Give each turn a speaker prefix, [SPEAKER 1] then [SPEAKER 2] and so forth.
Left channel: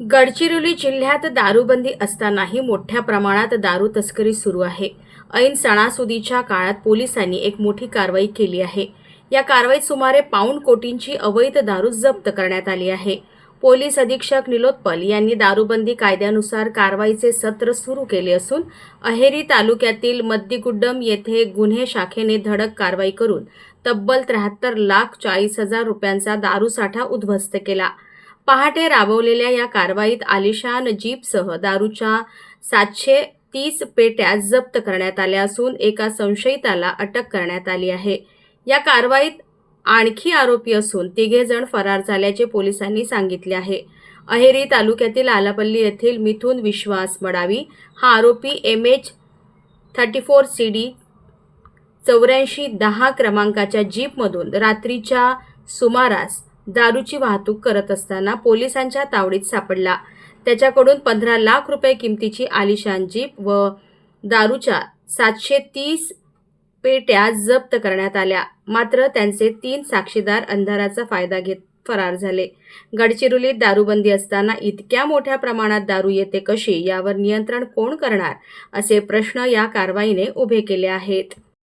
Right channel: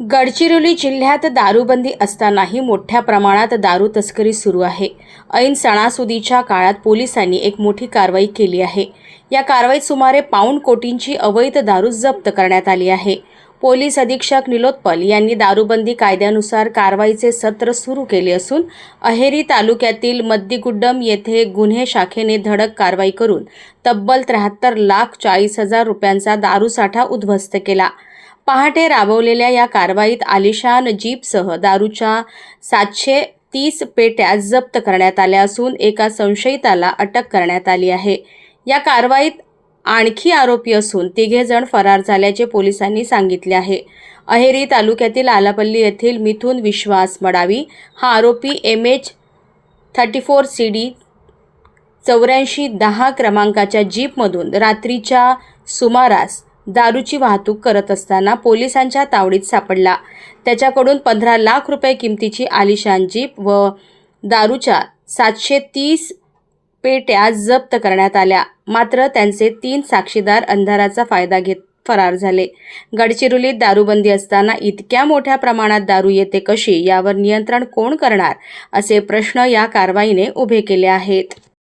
[SPEAKER 1] गडचिरोली जिल्ह्यात दारूबंदी असतानाही मोठ्या प्रमाणात दारू तस्करी सुरू आहे. ऐन सणासुदीच्या काळात पोलिसांनी एक मोठी कारवाई केली आहे. या कारवाईत सुमारे पाऊण कोटींची अवैध दारू जप्त करण्यात आली आहे. पोलीस अधीक्षक निलोत्पल यांनी दारूबंदी कायद्यानुसार कारवाईचे सत्र सुरू केले असून अहेरी तालुक्यातील मद्दिगुड्डम येथे गुन्हे शाखेने धडक कारवाई करून तब्बल त्र्याहत्तर लाख चाळीस हजार रुपयांचा दारूसाठा उद्ध्वस्त केला. पहाटे राबवलेल्या या कारवाईत आलिशान जीपसह दारूच्या सातशे तीस पेट्या जप्त करण्यात आल्या असून एका संशयिताला अटक करण्यात आली आहे. या कारवाईत आणखी आरोपी असून तिघे जण फरार झाल्याचे पोलिसांनी सांगितले आहे. अहेरी तालुक्यातील आलापल्ली येथील मिथुन विश्वास मडावी हा आरोपी M H thirty four C D चौऱ्याऐंशी दहा क्रमांकाच्या जीपमधून रात्रीच्या सुमारास दारूची वाहतूक करत असताना पोलिसांच्या तावडीत सापडला. त्याच्याकडून पंधरा लाख रुपये किमतीची आलिशान जीप व दारूच्या सातशे तीस पेट्या जप्त करण्यात आल्या. मात्र त्यांचे तीन साक्षीदार अंधाराचा फायदा घेत फरार झाले. गडचिरोलीत दारूबंदी असताना इतक्या मोठ्या प्रमाणात दारू येते कशी यावर नियंत्रण कोण करणार असे प्रश्न या कारवाईने उभे केले आहेत.